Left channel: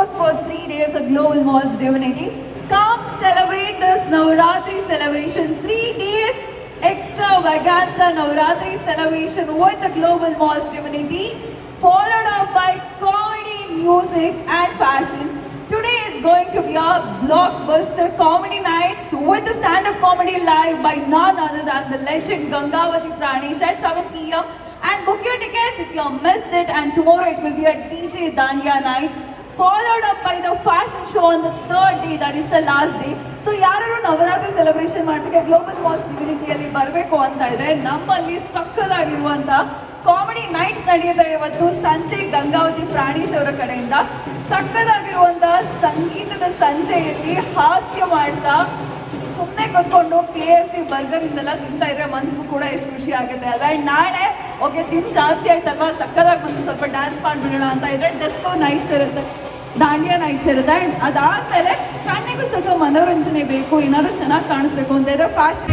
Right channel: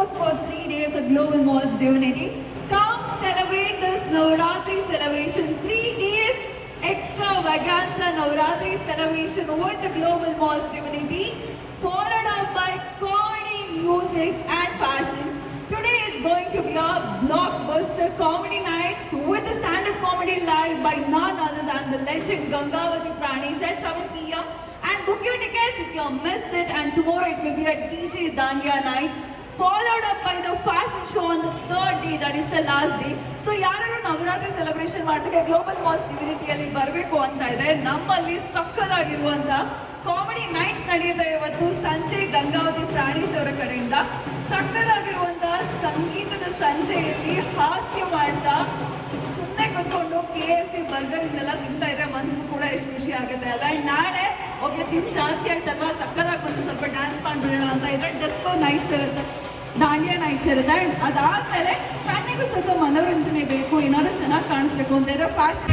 host for 3 days at Global Malls Divinity. Come celebrate this Navratri celebration. 3 days extravaganza Navratri celebration with the Global Malls Divinity, followed up by comedy, music and fashion. Today is going to be a blockbuster comedy nights with the stand-up comedy live by none other than the legend Gangavati Pranesh at 7 p.m. And book your tickets if you have missed it. And tomorrow it will be a DJ Dandiya night, followed up by the fashion show on the third day, that is the last day. So ಯಾರು ನವರಾತ್ರಿ ಸೆಲೆಬ್ರೇಷನ್ ಮಾಡ್ಲಿಕ್ಕೆ global malls ಡಿವಿನಿಟಿಯಲ್ಲಿ ಬರಬೇಕು ಅಂತ ಇದ್ರೆ ನಮ್ಮಲ್ಲಿ ಸಕ್ಕದಾಗಿರುವಂತ comedy knights ನಡೆಯುತ್ತೆ ಇವತ್ತು ಸಂಜೆ ಗಂಗಾವತಿ ಪ್ರಾಣೇಶ್ ಅವರ ಕಡೆಯಿಂದ. ಸಕ್ಕದಾಗಿರುವಂತಹ ಸಂಗೀತದ ಸಂಜೆಯಲ್ಲಿ ಹಾಸ್ಯ ಮಾಡ್ತಾ ಸುಮ್ಮನೆ ಕೂತ್ಕೊಂಡು KFC ಬರ್ಗರ್ ಇಂದೆಲ್ಲ ತಿಂತಾ ಇದ್ರೆ ಮನ್ಸಿಗೂ ಕೂಡ ಎಷ್ಟು ಖುಷಿ ಆಗುತ್ತೆ ಅಲ್ಲ. ಆ್ಯಂಡ್ ನಾಳೆ ಓಕೆ ತಿಂದು ಜಾಸ್ತಿ ಆಯ್ತಲ್ವಾ, ಸಕ್ಕದಾಗಿ ಬಂದು ಸ್ವಲ್ಪ ಡ್ಯಾನ್ಸ್ ಮಾಡ್ಬಿಡೋಣ ಅಂತ ಇದ್ರೆ ಡಿಸ್ಕೋ ನೈಟ್ಸ್ ಇರುತ್ತೆ, ದಾಂಡಿಯಾ ನೈಟ್ಸ್ ಇರುತ್ತೆ. ಆ್ಯಂಡ್ ಅದಾದಮೇಲೆ ಕಣ್ಣಿಗೂ ಸ್ವಲ್ಪ ಮನೋರಂಜನೆ ಬೇಕು, ಏನಾದ್ರು ಚೆನ್ನಾಗಿ ಕಾಣಿಸ್ಬೇಕು ಅಂತ ಇದ್ರೆ fashion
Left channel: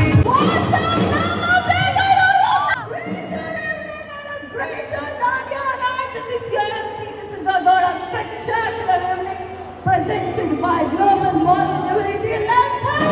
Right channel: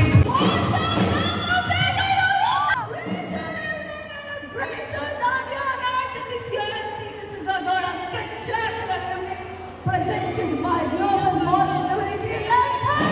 presented by Global Malls Divinity.